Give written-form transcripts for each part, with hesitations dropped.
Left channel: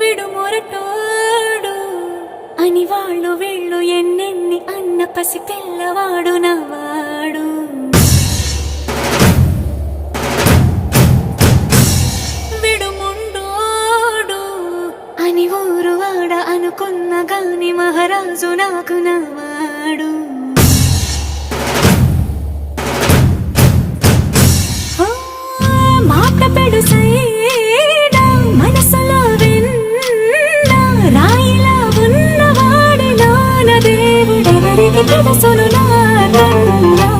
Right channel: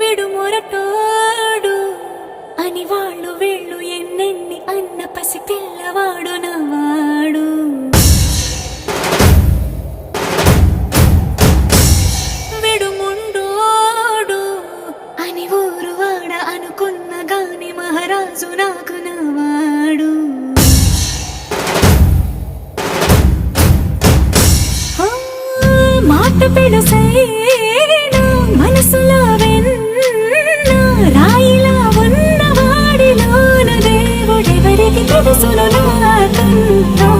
విడు మొరటోడు అని వాళ్ళు వీళ్ళు ఎన్నెన్ని అన్న పసి పిల్లవాడు నవ్వాడు. విడు ముండోడు అని ఊరు వాడ అనుకున్న గాని మహారాజు నాకు నవ్వాడు. మాట పెడుసైనా మనసులో వెన్న రాయిలా ఉన్నవాడిలోన దేవుడెవరికి తెలుసును నాకన్నా.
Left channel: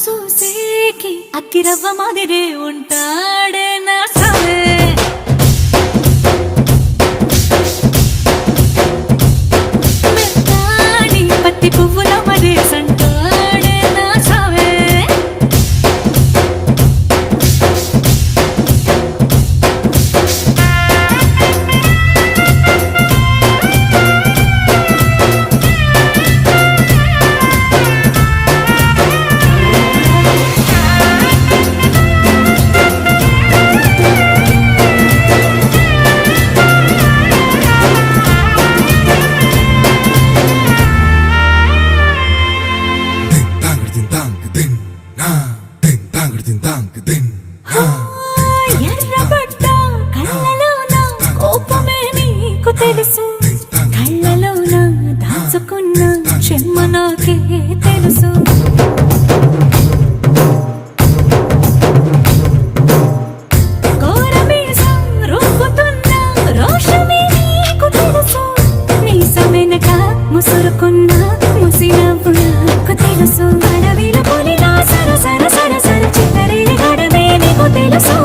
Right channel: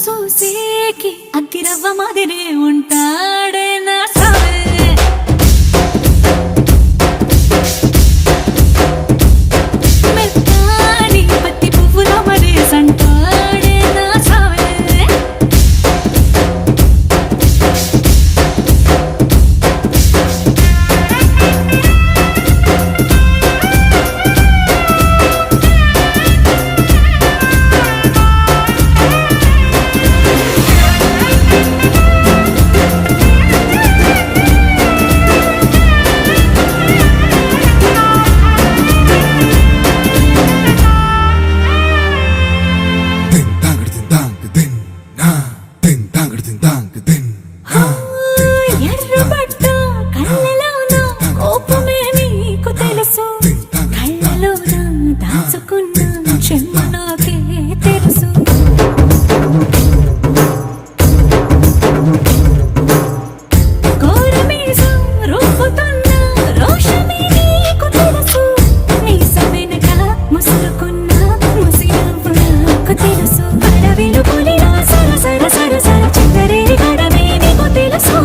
సూసేకి అగ్గిరవ్వ మాదిరి ఉంటాడే నా సవే. మెత్తాని పత్తి పువ్వుల మరి సంటాడే నా సవే. ఎర్రబడ్డ కళ్ళలోన కోపమే నీకు తెలుసు, కళ్ళలోన దాచుకున్న చెమ్మ నాకే తెలుసు. కోరమీసం రుబ్బుతున్న రోషమే నీకు తెలుసు, మీసమెనక ముసురుకున్న ముసినవ్వు నాకు తెలుసు. అడవిలు పులిలా సర సర సర సర చిల్లరే గడమే నీకు తెలుసు.